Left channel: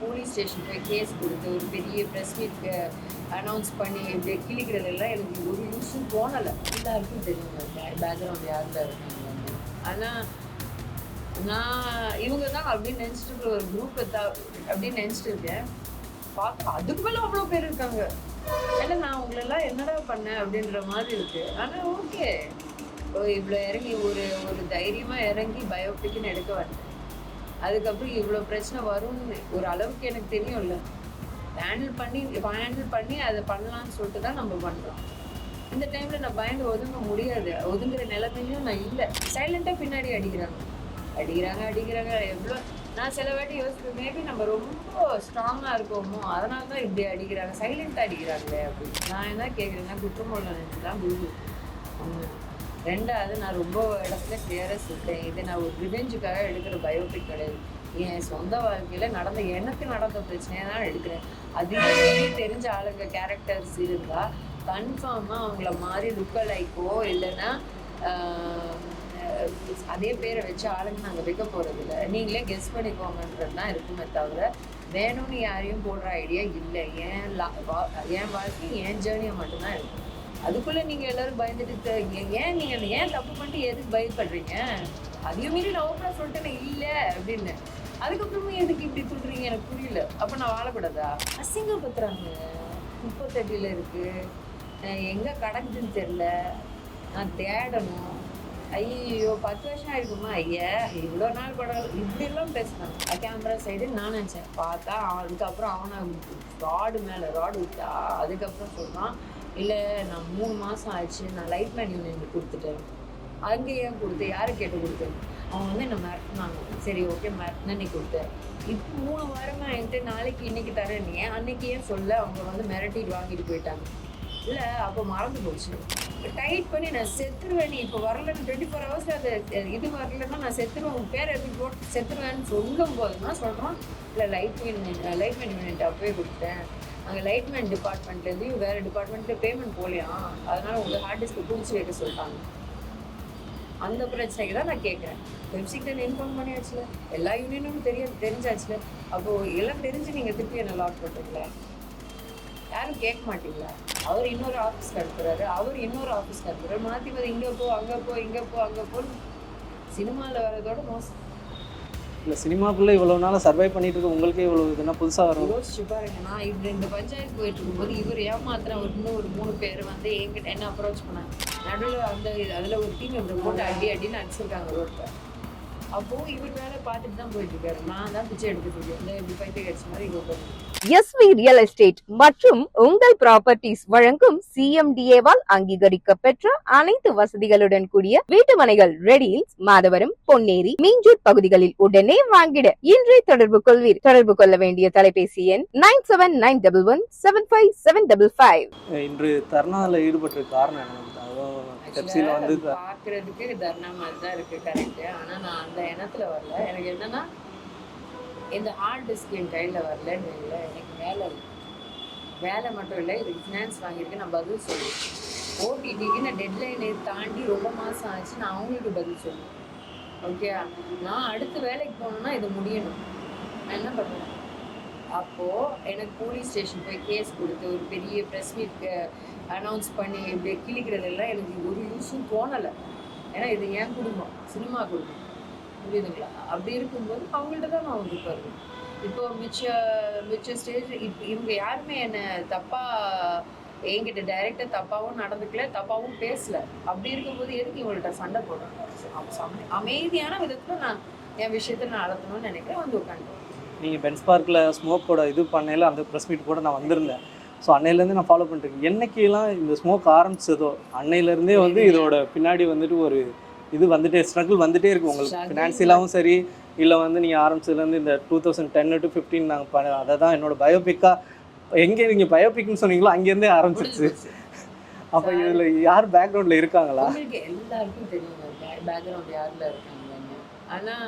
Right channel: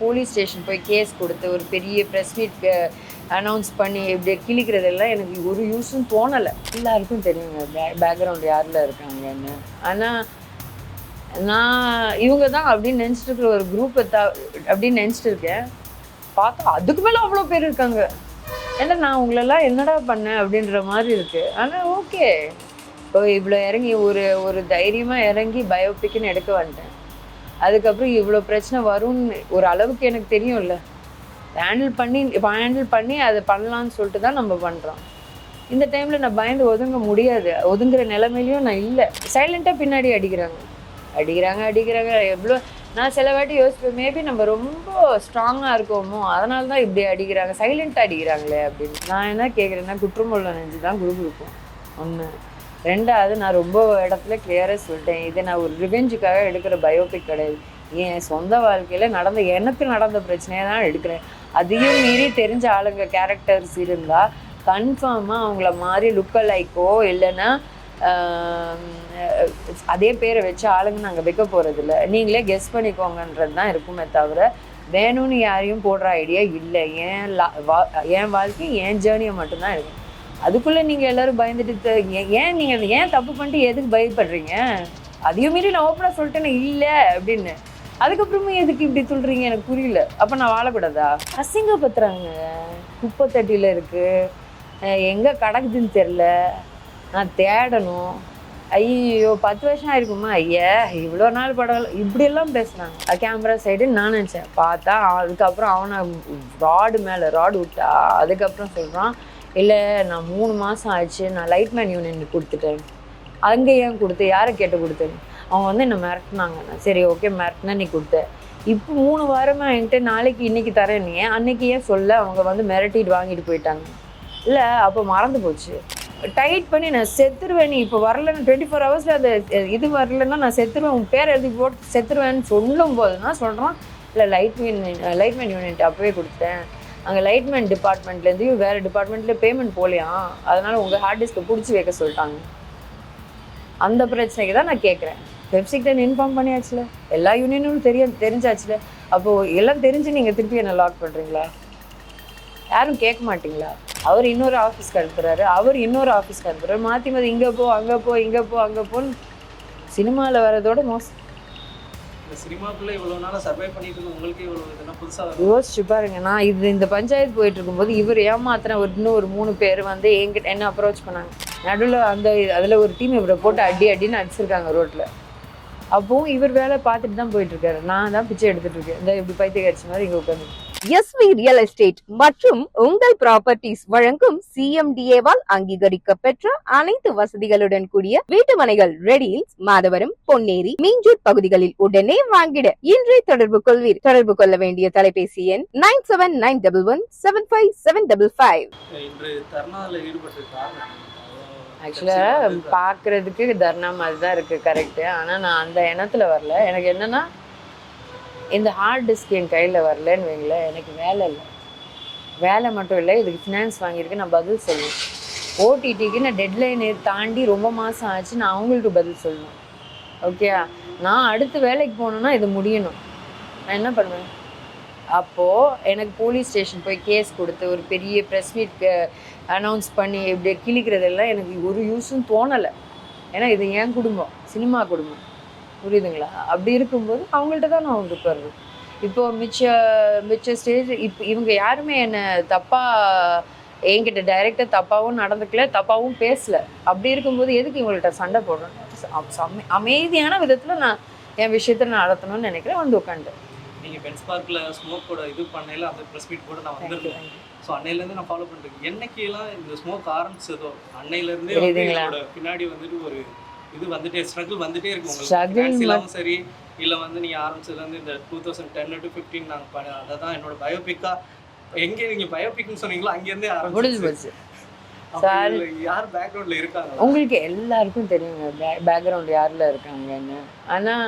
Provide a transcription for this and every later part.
Police station போய் case கொடுத்து ஒரு பெரிய ப்ரெஸ் மீட் அனௌன்ஸ் பண்ணி இப்படி கிழிக்கிறதெல்லாம் எனக்கு ஒரு யூஸும் தோணலை. எல்லாருக்கும் தெரியுங்க. பேக்ரவுண்ட் யாரில் இருக்காங்கன்னு. ஆனால் நான் இவங்க தான் அப்படின்னு நினச்சிட்டு இருக்கிற ஒரு குரூப்பை த அப்படின்னு நினச்சிட்டு இருக்கேன். பார்த்தா அதுக்கு மேலே அவ்வளோ பேர் இருக்காங்க. ஏன்னா நான் உங்களெல்லாம் என்னடா பண்ணேன் அப்படின்ற மாதிரி இருக்குது ஆனால் ஓகே இப்போ இவ்வளோ இறங்கி ஒரு ஒரு தைரியமாக இறங்கி பயோபிக்னு எடுக்க வந்துட்டேன். அதுக்கப்புறம் இவ்வளோ பிரச்சனை வரும்னு ஒரு அளவுக்கு எனக்கு தெரியும்ல. ஹேண்டில் பண்ணி இப்போ ஹேண்டில் பண்ணி அதை பண்ணலாம்னு சொல்லிட்டு தான் நம்ம பண்ணுறோம் இந்த டைமில் நான் பயந்து ஒதுங்க முடியாது. ஒதுங்குற நிலைமையிலையும் நான் இல்லை. சைலண்ட்டாக பின்னாடி அடிக்கிறாங்க. அடிக்கிறாங்க அடிக்கிறாங்க. எவ்வளோ நான் சில வாட்டி யோசிப்பேன் மேபி நம்ம ரொம்ப ஸ்ட்ராங்காக இருக்கோமோ அதனால தான் இப்படி அடிக்கிறாங்க. சைலண்ட்டாக அடிக்கிறாங்களே அப்படின்னு. நான் என்ன கேட்குறேன்னா குற்றமுள்ள நெஞ்சு தான் குரூப் இருக்கும் ஒன்று ரெண்டாவது நான் ரொம்ப இடத்துல கிளியராக சொல்லிட்டேன். இது நான் ஒரு ரிவெஞ்சுக்காக எடுக்கிற பயோபிக் கிடையாது. என் சொந்த வாழ்க்கையில் நடந்த எனக்கு நடந்த பிரச்சனையை தான் எடுக்கிறேன். அதையும் மீறி தெரிஞ்ச ஆளுங்க கேரக்டர்ஸ் இருந்தால் கன்ஃபார்மாக அவங்கள மாதிரி லுக்க லைக்கோ இல்லைன்னா அதே பேரை வச்சு ஆளுங்க நாங்கள் வைக்க போகிறதில்ல நீங்களே கெஸ் பண்ணிக்கோங்கன்றது தான் இருக்குமே தவிர வேணும்னு யாரையும் போடுற ஐடியா இல்லை. என் லா வா- என் வாழ்க்கை என் ஜேர்னியை மட்டும்தான் இருக்கும் அதுக்குள்ளே நீங்கள் எல்லாரும் பயந்துட்டு ஏன் நீங்கள் ஏன் தப்பு பண்ணிட்டு எதுக்கு பயப்படுறீங்க? அதையும் மீறி நான் ஓப்பனாக சொல்லிட்டேன்னு இல்லை அப்படின்னு. அதுக்கப்புறமும் எதுக்கு இப்படி சொல்கிறீங்க எனக்கு புரியல. அப்போ நான் வாழக்கூடாதா? அசிங்கப்படுத்துறாங்க. குப்பத்தட்டியில் இருக்குது எங்கே கிடக்குதுன்னு தெரில நான் தேடணும். ஐயோ பத்து வருஷம் ஆயிருக்குமா? ஐயா இவ்வளோ நாள் படம் இப்படியெல்லாம் பேசுனாங்க கேமரா சைடு நான் நினச்சேன். பார்த்தா அதுக்கப்புறம் அவனை ராடு மேலே ராடு விட்டா அதுக்கப்புறம் சொல்கிறான் இல்லை நான் மூணு மாதம் ஆச்சு நான் லைட்மேன் யூனியன் கொடுத்துட்டேன். அங்கே ஏன் கொடுத்து? யாரை கேட்டு கொடுத்தேன் அவங்க வந்து என்னை மிரட்டினாங்க. சரி ஓகே மிரட்டினா நீ கொடுத்த. இப்போ மூணு வாரமாக என்கிட்ட நாளைக்கு இன்னைக்கு தரேன் நீ. அன்னைக்கு ஏன் சொல்ல? அவங்க வந்து மிரட்டிட்டு வாங்கிட்டு போயிட்டாங்க. இல்லை அப்போ மறந்து போச்சு. டைட் பண்ணி நான் செத்துருவேன் நீ. இப்போ வரலன்னு டுவெண்ட்டி ஃபோர் ஹவர்ஸில் அது இது வரலன்னா நான் செத்துருவேன். உன் பேர் எழுதி போட்டு செத்துருவேன்னு சொல்லும் போது தான் சொல்கிறான் இல்லை லைட் மேன் யூனிட் அப்போவே கொடுத்தேன். அங்கே லைட்மேன் டிபார்ட்மெண்ட்லேருந்து வேறு டிபார்ட்மெண்ட்டில் பேமெண்ட் போகலையா அதனால் உங்கள் ஹார்ட் டிஸ்க்கை பிடிச்சி வைக்க சொல்லிட்டாங்க. அந்த பிரச்சனைக்கு தான் நான் கேட்குறேன் வெப்சைட் இன்ஃபார்ம் பண்ணியாச்சுல? எல்லா யூனியனும் தெரிய தெரிஞ்சாச்சுல. அப்போது எல்லாம் தெரிஞ்சு நீங்கள் திருப்பி என்ன லாக் பண்ணுறீங்களா யாரும் கேட்க மாட்டிங்களா? அவர் இன்னொரு ஆஃபீஸ்க்கு அனுப்புகிறாரு அவர் இன்னொரு ஆஃபீஸ்க்கு அனுப்புகிறாரு மாற்றி மாற்றி இங்கே போ அங்கே போ இங்கே போ அங்கே போன்னு சினிமாவில் வரதோட மோசம் இல்லை சினிமாக்குள்ளே இவ்வளோ நாளாக சர்வை பண்ணிட்டு இருக்க உங்களுக்கு இவ்வளோ இதுனா புதுசாக வரும்? யோசிச்சு பாருங்க நான் இது இந்த பஞ்சாயத்து போயிட்டு இருக்கும்போது இவர் ஏமாத்தின ஒரு இன்னும் ஒரு மூணு பேர் வந்து என்கிட்ட என்ன அப்ரோச் பண்ணாங்க? நடுவில் அந்த அதில் ஒரு டீம் இவரை போட்டு அடி அடின்னு அடிச்சிருக்காங்க ரோட்டில் அப்போவும் இவர் வேலை பார்த்துட்டு தான் போயிட்டுருக்காரு நான் தான் பிச்சை எடுத்துகிட்டு இருக்கேன். இந்த இப்படி பைத்திய கட்சி மாதிரி இங்கே உட்காந்து எஸ்வி ரியல் எஸ்டேட் மற்றும் உங்கள் ப்ராப்பர்ட்டிஸ் வழங்கும் சிஎம்டிஏவால் அங்கீகரிக்க பெற்ற அனைத்து வசதிகளுடன் கூடிய வீட்டுமனைகள் ரெடியில்ஸ் மாதவரம் பொன்னேரி மீஞ்சூர் பகுதிகளில் உடனே வாங்கிட. இன்றே தொடர்பு கொள்வீர். தொடர்பு கொள்ள வேண்டிய தொலைபேசி எண் nine seven nine double one seven five seven double five. இன்று தர்ணாவில் ஈடுபட்ட காரணம் ஆக்சுவலாக பார்க்கறதுக்கு தர்ணா மாதிரி தான் இருக்குது கரெக்டு ஆனால் நான் அந்த எண்ணத்தில் வரல. எனக்கு என்னன்னா இந்த ஹார்ட் டிஸ்க் என் கையில் வரலன்னு வைங்களேன் எனக்கு வேலை இல்லை. வேலை மட்டும் இல்லை இதுக்கு ஃபினான்ஸ் வாங்கியிருக்கு நான் பதில் சொல்லுவேன் ஓடிடிக்கு நான் டெட்லைனை தாண்டி ரொம்ப மாதம் ஆச்சு நான் அவங்களுக்கு பதில் சொல்லணும். ஓகே நான் அடுத்து வேலைக்கு போகணுன்னா இது முடியணும். நான் என்ன பண்ணுவேன்? அப்போது எனக்கு போலீஸ் ஸ்டேஷன் போய் கேஸ் கொடுத்து ஒரு பெரிய ப்ரெஸ் மீட் அனௌன்ஸ் பண்ணி இப்படி கிழிக்கிறதெல்லாம் எனக்கு ஒரு யூஸும் தோணலை. ஏன்னா இது என் குடும்பம் சினிமா குடும்பம். புரியுதுங்களா? அப்படி இருக்கும்போது அவங்கள்ட்ட தான் நான் வந்து வருவேன் இப்போ மிச்ச மிச்ச ஸ்டேஜ் இப்போ இவங்க யாருமே என்னை தப்பாக என்கிட்ட டைரெக்டாக தப்பாகவும் நடந்துக்கல தப்பாகவும் பேசல. அப்படி இருக்கும்போது எதுக்கு இவங்கள்ட்ட சண்டை அம- அமைதியான விதத்தில் நான் என் விஷயத்த நான் நடத்தணும்னு நினைக்கிறேன். வந்து உட்காந்து நீங்கள் பென்ஸ் பார்க்கில் ஸ்மோக்கோட இது பண்ணையில அந்த ப்ரெஸ் மீட் கூட நான் வந்திருந்தேன். ஸோ அன்னையிலேருந்து நான் ஃபாலோ பண்ணிட்டு இருக்கேன். என்னைக்கெல்லாம் இந்த ஸ்மோக் ஆரம்பிச்சதோ அன்னையிலேருந்தே வந்து? இதோட பின்னாடி வந்துட்டு ஒரு இது வந்துட்டே ஸ்ட்ரகிள் வந்துட்டே இருக்கு உங்களுக்கு. ஃபினான்சியலாகவும் சரி இல்லை வந்து நீங்கள் ஆரம்பிச்சதுலேருந்து இந்த two thousand ten to fifteen நாங்கள் பண்ண அதை தான் என்னோட பயோபிக்காக எங்கே நீங்கள் பயோபிக்னு சொன்னீங்களோ அங்கேருந்தே ஆரம்பிச்சு யார் பேக்ரவுண்டில் இருக்காங்களா? உங்களுக்கு எல்லாருக்கும் தெரியுங்க பேக்ரவுண்ட் யாரில் இருக்காங்கன்னு. ஆனால்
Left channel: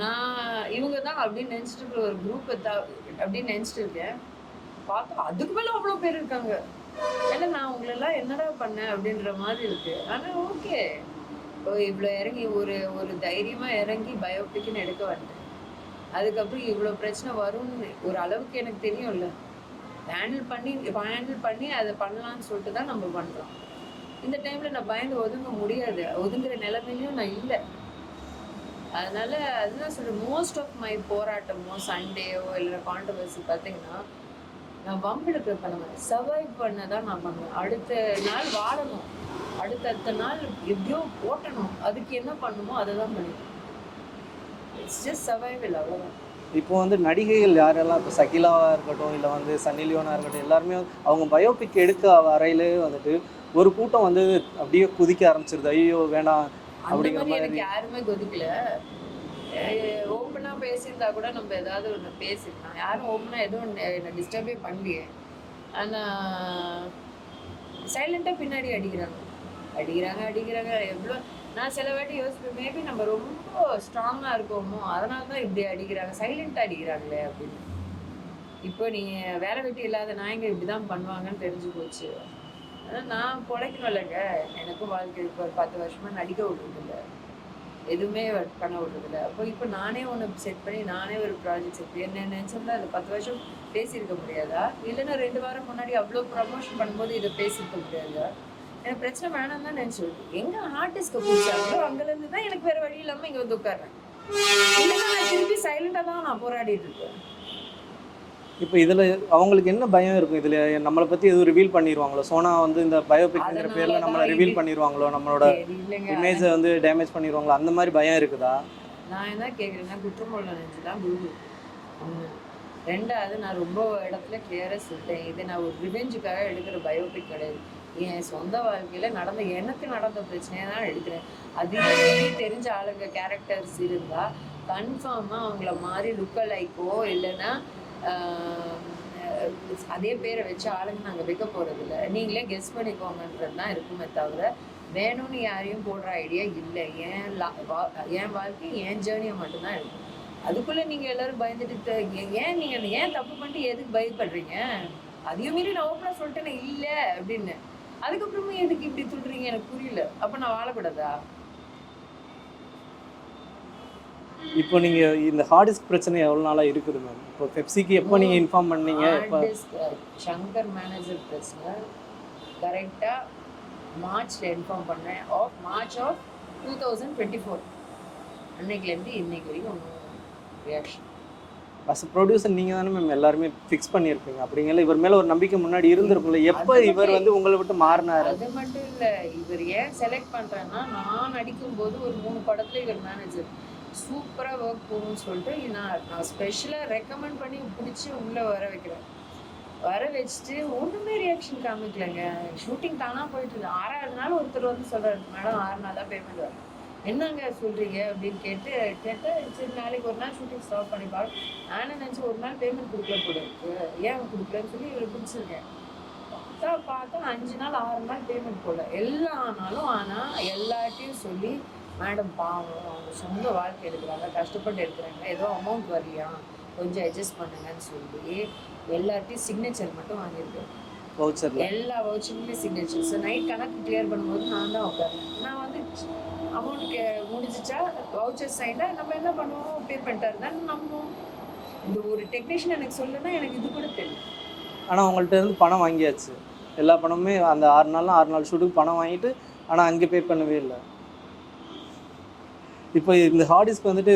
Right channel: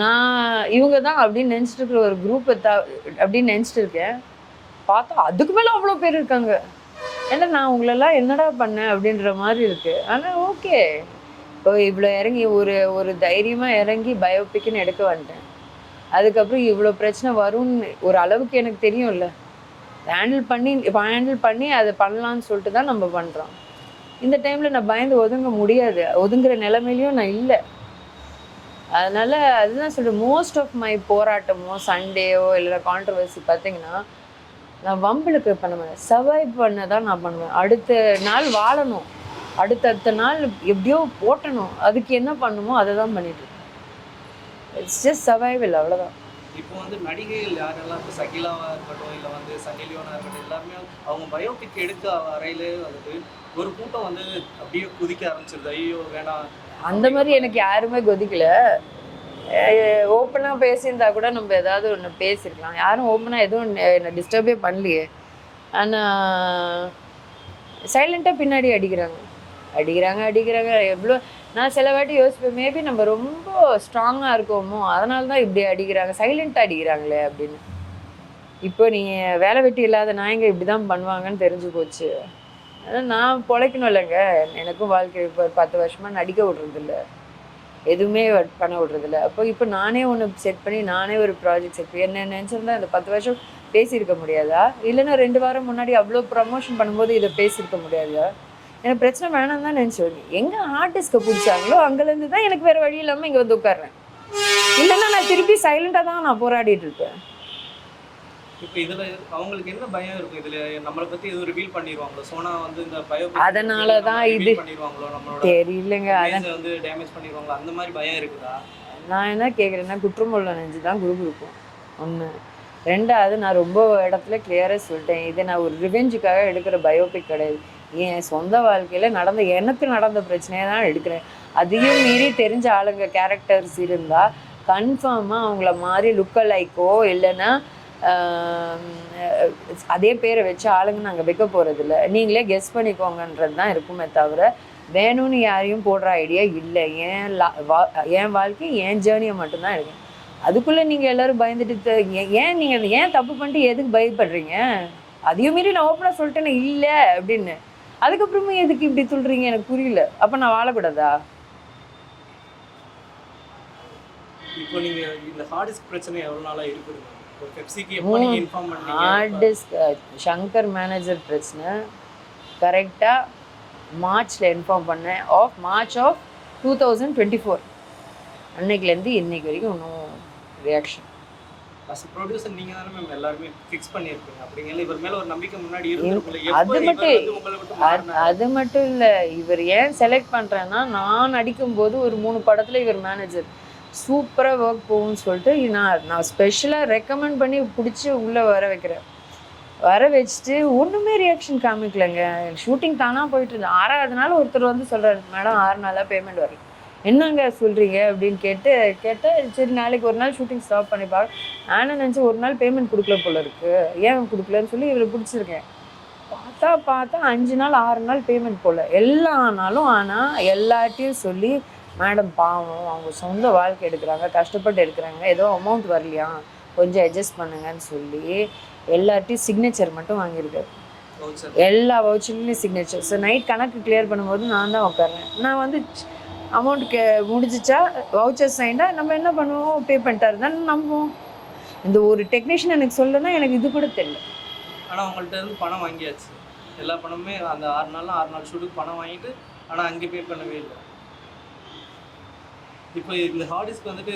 நான் இவங்க தான் அப்படின்னு நினச்சிட்டு இருக்கிற ஒரு குரூப்பை த அப்படின்னு நினச்சிட்டு இருக்கேன். பார்த்தா அதுக்கு மேலே அவ்வளோ பேர் இருக்காங்க. ஏன்னா நான் உங்களெல்லாம் என்னடா பண்ணேன் அப்படின்ற மாதிரி இருக்கு. ஆனால் ஓகே இப்போ இவ்வளோ இறங்கி ஒரு ஒரு தைரியமாக இறங்கி பயோபிக்னு எடுக்க வந்துட்டேன். அதுக்கப்புறம் இவ்வளோ பிரச்சனை வரும்னு ஒரு அளவுக்கு எனக்கு தெரியும்ல. ஹேண்டில் பண்ணி இப்போ ஹேண்டில் பண்ணி அதை பண்ணலான்னு சொல்லிட்டு தான் நம்ம பண்ணுறோம் இந்த டைமில் நான் பயந்து ஒதுங்க முடியாது. ஒதுங்குற நிலைமையிலையும் நான் இல்லை. அதனால் அதுதான் சொல்கிறேன் மோஸ்ட் ஆஃப் மை போராட்டமோ சண்டேயோ இல்லை கான்ட்ரவர்சி பார்த்தீங்கன்னா நான் வம்பிளுக்கு பண்ண மாட்டேன் சர்வைவ் பண்ண தான் நான் பண்ணுவேன். அடுத்த நாள் வாழணும். அடுத்தடுத்த நாள் எப்படியோ ஓட்டணும். அதுக்கு என்ன பண்ணுமோ அதை தான் பண்ணிட்டு இட்ஸ் ஜஸ்ட் சர்வைவல் அவ்வளோதான் இப்போ வந்து நடிகைகள் யாரெல்லாம் இப்போ சகிலாவா இருக்கட்டும் இல்லை வந்து சன்னி லியோனா இருக்கட்டும் எல்லாருமே அவங்க பயோபிக் எடுக்க வரையிலே வந்துட்டு ஒரு கூட்டம் வந்து அப்படியே குதிக்க ஆரம்பிச்சிருது. ஐயோ வேணாம். அந்த மாதிரி எனக்கு யாருமே கொதிக்கல. ஓப்பனாக பேசியிருந்தா கூட நம்ம ஏதாவது ஒன்று பேசியிருக்கலாம் யாரும் ஓப்பனாக எதுவும் என்னை டிஸ்டர்பே பண்ணலையே. ஆனால் சைலண்ட்டாக பின்னாடி அடிக்கிறாங்க. அடிக்கிறாங்க அடிக்கிறாங்க. எவ்வளோ நான் சில வாட்டி யோசிப்பேன் மேபி நம்ம ரொம்ப ஸ்ட்ராங்காக இருக்கோமோ அதனால தான் இப்படி அடிக்கிறாங்க. சைலண்ட்டாக அடிக்கிறாங்களே அப்படின்னு. இப்போ நீங்கள் வேலை வெட்டி இல்லாத நாயங்க இப்படி தான் பண்ணுவாங்கன்னு தெரிஞ்சு போச்சு. ஆனால் நான் பிழைக்கணும் இல்லைங்க. எனக்கும் வாழ்க்கை இப்போ பத்து வருஷமாக நடிக்க விட்றதில்ல. எதுவுமே பண்ண விட்றதில்ல. அப்போ இப்போ நானே ஒன்று செட் பண்ணி நானே ஒரு ப்ராஜெக்ட் செட் பண்ணி என்ன நினச்சிருந்தா இந்த பத்து வருஷம் பேசியிருக்க முடியாதா? இல்லைன்னா ரெண்டு வாரம் முன்னாடி அவ்வளோ ப்ரமோஷன் பண்ணும்போது இதை பேசியிருக்க முடியாதா? எனக்கு பிரச்சனை வேணாம் தான் நினச்சோம் எங்கே ஆர்டிஸ்ட்க்கு பிடிச்சாங்களோ அங்கேருந்து தான் எனக்கு வேறு வழி இல்லாமல் இங்கே வந்து உட்கார்றேன். இல்லைன்னா நான் திருப்பி சைலண்டாக தான் நான் போராடிட்டு இருக்கேன். இப்போ இதுல அவங்களுக்கு என்ன பயம் இருக்கும்? இதுல நம்மளை பத்தி எதுவும் ரிவீல் பண்ணிடுவாங்களோ சோனா வந்து இந்த பயோபிக் அதனால தான் ரிவீல் பண்ணிடுவாங்களோ நம்மளோட இமேஜை வந்து டேமேஜ் பண்ணிடுவாங்களோ அந்த மாதிரி பயம் இருக்குதா? நான் என்ன கேட்குறேன்னா குற்றமுள்ள நெஞ்சு தான் குரூப் இருக்கும் ஒன்று ரெண்டாவது நான் ரொம்ப இடத்துல கிளியராக சொல்லிட்டேன். இது நான் ஒரு ரிவெஞ்சுக்காக எடுக்கிற பயோபிக் கிடையாது. என் சொந்த வாழ்க்கையில் நடந்த எனக்கு நடந்த பிரச்சனையை தான் எடுக்கிறேன். அதையும் மீறி தெரிஞ்ச ஆளுங்க கேரக்டர்ஸ் இருந்தால் கன்ஃபார்மாக அவங்கள மாதிரி லுக்க லைக்கோ இல்லைன்னா அதே பேரை வச்சு ஆளுங்க நாங்கள் வைக்க போகிறதில்ல நீங்களே கெஸ் பண்ணிக்கோங்கன்றது தான் இருக்குமே தவிர வேணும்னு யாரையும் போடுற ஐடியா இல்லை. ஏன் லா- வா- என் வாழ்க்கை என் ஜேர்னியை மட்டும்தான் எடுக்கும் அதுக்குள்ளே நீங்கள் எல்லாரும் பயந்துட்டு ஏன் நீங்கள் ஏன் தப்பு பண்ணிட்டு எதுக்கு பயப்படுறீங்க? அதையும் மீறி நான் ஓப்பனாக சொல்லிட்டேன் இல்லை அப்படின்னு. அதுக்கப்புறமா எதுக்கு இப்படி சொல்கிறீங்க எனக்கு புரியல. அப்போ நான் வாழக்கூடாதா? இப்போ நீங்க இந்த ஹார்ட் டிஸ்க் பிரச்சனை எவ்வளவு நாளா இருக்குதுங்க இப்போ பெப்சிக்கு எப்போ நீங்க இன்ஃபார்ம் பண்ணீங்க? ஹார்ட் டிஸ்க் சங்கர் மேனேஜர் பிரச்சனை. கரெக்டாக மார்ச்ல இன்ஃபார்ம் பண்ணேன். Of March of two thousand twenty four அன்னைக்குலேருந்து இன்னைக்கு வரைக்கும் ஒன்றும் ரியாக்ஷன் அஸ் ப்ரொடியூசர் நீங்க தானே மேம் எல்லாருமே ஃபிக்ஸ் பண்ணியிருப்பீங்க. அப்படிங்கல இவர் மேல ஒரு நம்பிக்கை முன்னாடி இருந்திருக்கும்ல. எப்போ இவர் வந்து உங்களை விட்டு மாறினார்? அது மட்டும் இல்லை. இவர் ஏன் செலக்ட் பண்ணுறேன்னா நான் நடிக்கும்போது ஒரு மூணு படத்தில் இவர் மேனேஜர் சூப்பராக ஒர்க் போகும்னு சொல்லிட்டு நான் நான் ஸ்பெஷலாக ரெக்கமெண்ட் பண்ணி பிடிச்சி உள்ளே வர வைக்கிறேன். வர வச்சுட்டு ஒன்றுமே ரியாக்ஷன் காமிக்கலைங்க. ஷூட்டிங் தானாக போயிட்டு இருந்தேன் ஆறாவது நாள் ஒருத்தர் வந்து சொல்கிறாரு மேடம் ஆறு நாளாக பேமெண்ட் வரல. என்னங்க சொல்கிறீங்க அப்படின்னு கேட்டு கேட்டால் சரி நாளைக்கு ஒரு நாள் ஷூட்டிங் ஸ்டாப் பண்ணி பார்க்க நானும் நினச்சி ஒரு நாள் பேமெண்ட் கொடுக்கல போல இருக்கு. ஏன் கொடுக்கலன்னு சொல்லி இவரை பிடிச்சிருக்கேன். பார்த்தா பார்த்தா அஞ்சு நாள் ஆறு நாள் பேமெண்ட் போடல எல்லா நாளும் ஆனால் எல்லார்ட்டையும் சொல்லி மேடம் பாவம் அவங்க சொந்த வாழ்க்கை எடுக்கிறாங்க கஷ்டப்பட்டு எடுக்கிறாங்க. ஏதோ அமௌண்ட் வரலையா? கொஞ்சம் அட்ஜஸ்ட் பண்ணுங்கன்னு சொல்லி எல்லார்ட்டையும் சிக்னேச்சர் மட்டும் வாங்கியிருக்காரு. வவுச்சர் எல்லா வவுச்சர்லையும் சிக்னேச்சர் ஸோ நைட் கணக்கு கிளியர் பண்ணும்போது நான் தான் உட்காறேன் நான் வந்து அமௌண்ட் கே முடிஞ்சிச்சா வவுச்சர் சைண்டா நம்ம என்ன பண்ணுவோம்? பே பண்ணிட்டாரு. தான் நம்புவோம். இந்த ஒரு டெக்னீஷியன் எனக்கு சொல்லனா எனக்கு இது கூட தெரியல. ஆனா உங்கள்ட்ட இருந்து பணம் வாங்கியாச்சு. எல்லா பணமுமே அந்த ஆறு நாள் ஆறு நாள் ஷூட்டுக்கு பணம் வாங்கிட்டு ஆனா அங்கே பே பண்ணவே இல்லை. இப்போ இந்த ஹார்ட் டிஸ்க் வந்துட்டு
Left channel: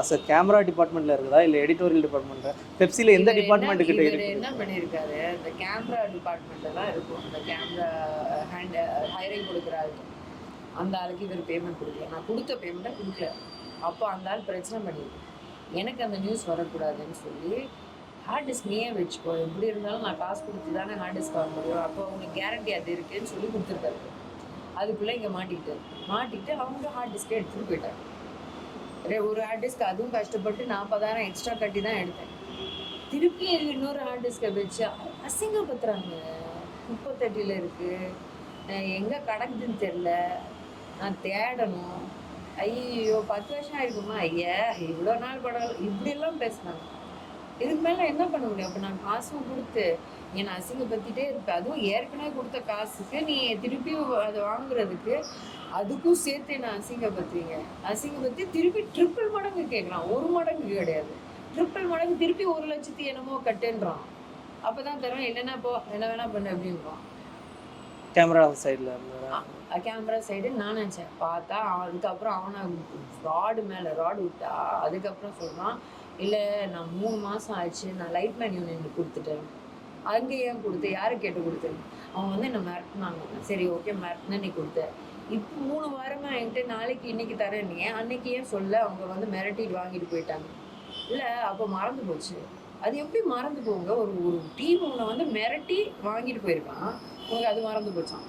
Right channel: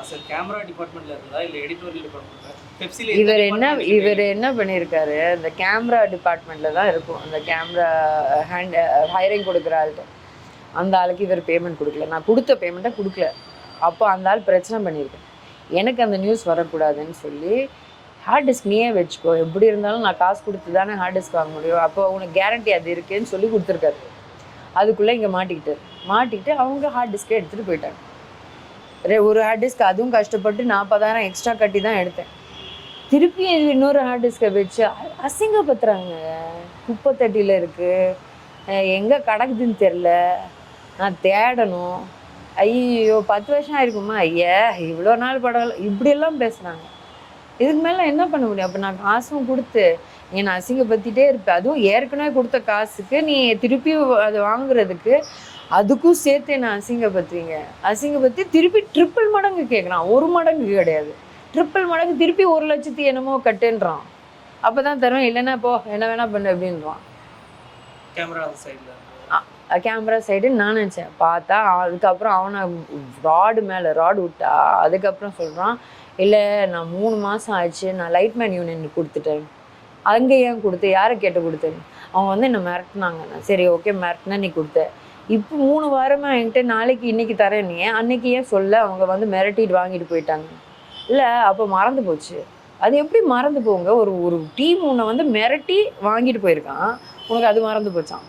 அஸ் அ கேமரா டிபார்ட்மெண்ட்ல இருக்குதா? இல்ல எடிட்டோரியல் டிபார்ட்மெண்ட்ல பெப்சில இவர் என்ன இவர் என்ன பண்ணியிருக்காரு? இந்த கேமரா டிபார்ட்மெண்ட்ல தான் இருக்கும். அந்த கேமரா ஹேண்ட் ஹைரிங் கொடுக்குற ஆள்கிட்ட. அந்த ஆளுக்கு இவர் பேமெண்ட் கொடுக்கல. நான் கொடுத்த பேமெண்ட்டை கொடுக்கல. அப்போ அந்த ஆள் பிரச்சனை பண்ணியிருக்கு எனக்கு அந்த நியூஸ் வரக்கூடாதுன்னு சொல்லி ஹார்ட் டிஸ்க் நீயே வச்சுக்கோ. எப்படி இருந்தாலும் நான் காசு கொடுத்து தானே ஹார்ட் டிஸ்க் வாங்க முடியும். அப்போ உனக்கு கேரண்டி அது இருக்குன்னு சொல்லி கொடுத்துருக்காரு. அதுக்குள்ளே இங்கே மாட்டிக்கிட்டு மாட்டிக்கிட்டு அவங்க ஹார்ட் டிஸ்கே எடுத்துகிட்டு போயிட்டாங்க. ரே ஒரு ஹார்ட் டிஸ்க் அதுவும் கஷ்டப்பட்டு நாற்பதாயிரம் எக்ஸ்ட்ரா கட்டி தான் எடுத்தேன். திருப்பி இன்னொரு ஹார்ட் டிஸ்கை வச்சு அசிங்கப்படுத்துகிறாங்க அசிங்கப்படுத்துறாங்க. குப்பை தட்டியில் இருக்குது எங்கே கிடக்குதுன்னு தெரில நான் தேடணும். ஐயோ பத்து வருஷம் ஆயிருக்குமா? ஐயா இவ்வளோ நாள் படம் இப்படியெல்லாம் பேசுனாங்க இதுக்கு மேலே என்ன பண்ண முடியும்? அப்போ நான் காசும் கொடுத்து நீ நான் அசிங்கப்படுத்திட்டே இருப்பேன் அதுவும் ஏற்கனவே கொடுத்த காசுக்கு நீ திருப்பி அது வாங்குறதுக்கு அதுக்கும் சேர்த்து நான் அசிங்கப்படுத்துவீங்க. அசிங்கப்படுத்தி திருப்பி ட்ரிப்பிள் மடங்கு கேட்குறான் ஒரு மடங்கு கிடையாது. ட்ரிப்பிள் மடங்கு திருப்பி ஒரு லட்சத்தி என்னமோ கட்டுன்றான். அப்போ தான் தருவேன். இல்லைன்னா போ என்ன வேணா பண்ணு அப்படின்றான். கேமரா சைடில் கேமரா சைடு நான் நினச்சேன். பார்த்தா அதுக்கப்புறம் அவனை ராடு மேலே ராடு விட்டா அதுக்கப்புறம் சொல்கிறான் இல்லை நான் மூணு மாதம் ஆயிடுச்சு நான் லைட்மேன் யூனியன் கொடுத்துட்டேன். அங்கே ஏன் கொடுத்து? யாரை கேட்டு கொடுத்தேன்? அவங்க வந்து என்னை மிரட்டினாங்க. நான் சரி ஓகே மிரட்டினா நீ கொடுத்த. இப்போ மூணு வாரமாக என்கிட்ட நாளைக்கு இன்னைக்கு தரேன் நீ. அன்னைக்கு ஏன் சொல்ல? அவங்க வந்து மிரட்டிட்டு வாங்கிட்டு போயிட்டாங்க. இல்லை அப்போ மறந்து போச்சு. அது எப்படி மறந்து போங்க? ஒரு ஒரு டீம் உன்னை வந்து மிரட்டி வாங்கிட்டு போயிருக்கான். உனக்கு அது மறந்து போச்சான்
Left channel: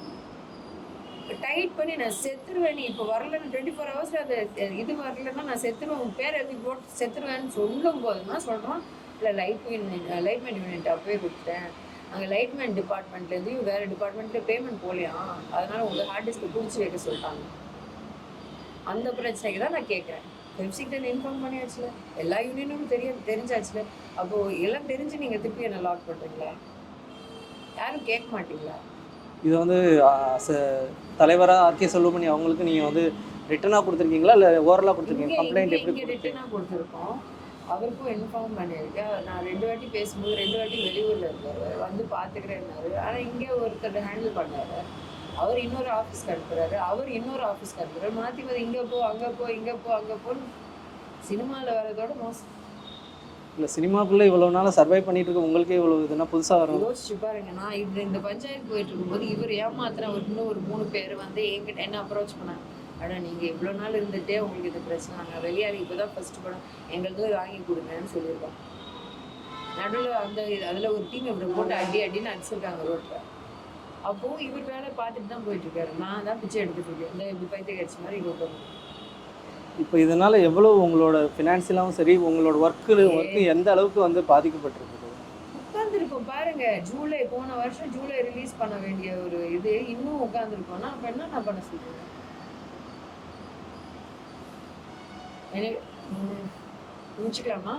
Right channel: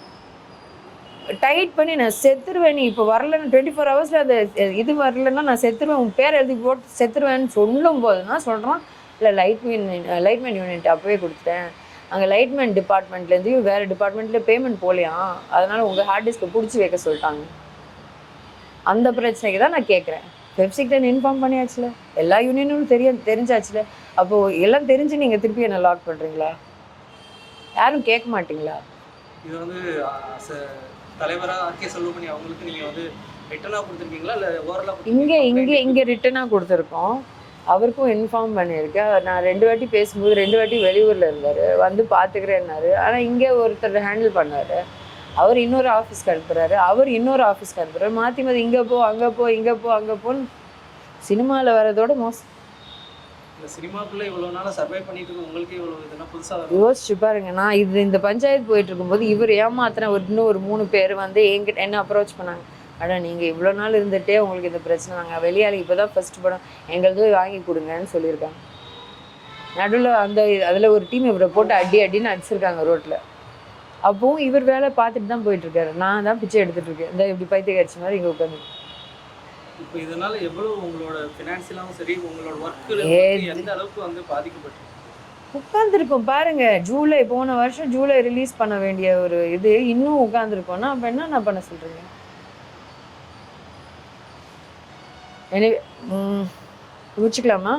டைட் பண்ணி நான் செத்துருவேன் நீ இப்போ வரலன்னு டுவெண்ட்டி ஃபோர் ஹவர்ஸில் அது இது வரலன்னா நான் செத்துருவேன் உன் பேர் எழுதி போட்டு செத்துருவேன்னு சொல்லும் போது தான் சொல்கிறான் இல்லை லைட்மேன் லைட்மேன் யூனிட் அப்போவே கொடுத்துட்டேன். அங்கே லைட்மேன் டிபார்ட்மெண்ட்லேருந்து வேறு டிபார்ட்மெண்ட்டில் பேமெண்ட் போகலையாம் அதனால் உங்கள் ஹார்ட் டிஸ்க்கை பிடிச்சி வைக்க சொல்லிட்டாங்க. அந்த பிரச்சனைக்கு தான் நான் கேட்குறேன் வெப்சைட்டன் இன்ஃபார்ம் பண்ணியாச்சுல? எல்லா யூனியனும் தெரிய தெரிஞ்சாச்சுல? அப்போது எல்லாம் தெரிஞ்சு நீங்கள் திருப்பி என்ன லாக் பண்ணுறீங்களா யாரும் கேட்க மாட்டிங்களா? இது வந்து தலைவராக ஆர்கே செல்வமணி அவங்களுக்கு நீங்கள் வந்து ரிட்டனாக கொடுத்துருக்கீங்களா? இல்லை ஓரலாக இங்கே இங்கே இங்கே ரிட்டனாக கொடுத்துருக்கோம். அவருக்கும் இன்ஃபார்ம் பண்ணியிருக்கேன். நான் ரெண்டு வாட்டி பேசும்போது ரெண்டு வாட்டி வெளியூரில் இருந்தார். வந்து பார்த்துக்கிறேன்னாரு ஆனால் இங்கே ஒருத்தர் ஹேண்டில் பண்ணார். அவர் இன்னொரு ஆஃபீஸ்க்கு அனுப்புறாரு. அவர் இன்னொரு ஆஃபீஸ்க்கு அனுப்புறாரு. மாற்றி மாற்றி இங்கே போ அங்கே போ இங்கே போ அங்கே போன்னு சினிமாவில் வரதோட மோசம் இல்லை சினிமாக்குள்ளே இவ்வளோ நாளாக சர்வை பண்ணிட்டு இருக்க உங்களுக்கே இவ்வளோ இதுனா புதுசாக வரும்? யோசிச்சு பாருங்க. நான் இது இந்த பஞ்சாயத்து போயிட்டு இருக்கும்போது இவர் ஏமாத்தின ஒரு இன்னும் ஒரு மூணு பேர் வந்து என்கிட்ட என்ன அப்ரோச் பண்ணாங்க? ஆனால் நீங்கள் இவ்வளோ நாள் இருந்துட்டே உங்களுக்கு இந்த பிரச்சனை நாங்கள் வெளியாளி இப்போ தான் ஃபர்ஸ்ட் படம். எங்களுக்கு வாங்கி கொடுங்கன்னு சொல்லியிருக்காங்க. நடுவில் அந்த அதில் ஒரு டீம் இவரை போட்டு அடி அடின்னு அடிச்சிருக்காங்க ரோட்டில் அப்பவும் இவர் வேலை பார்த்துட்டு தான் போயிட்டுருக்காரு நான் தான் பிச்சை எடுத்துகிட்டு இருக்கேன். இந்த இப்படி பைத்திய கட்சி மாதிரி இங்கே உட்காந்து இப்போ இதனால எவ்வளோ உங்களோட ஃபினான்ஷியலாகவும் சரி உங்களோட ஒர்க்கு எந்த அளவுக்கு வந்து பாதிக்கப்பட்டிருக்கு உட்காந்துருக்கோம் பாருங்க. ஜூலை போன வருஷம் ஜூலை ரிலீஸ் பண்ண வேண்டிய ஒரு இது இன்னும் உட்காந்துருக்கோம்னா அப்போ என்ன நான் பண்ண எனவே ம், முடிச்சுக்கலாமா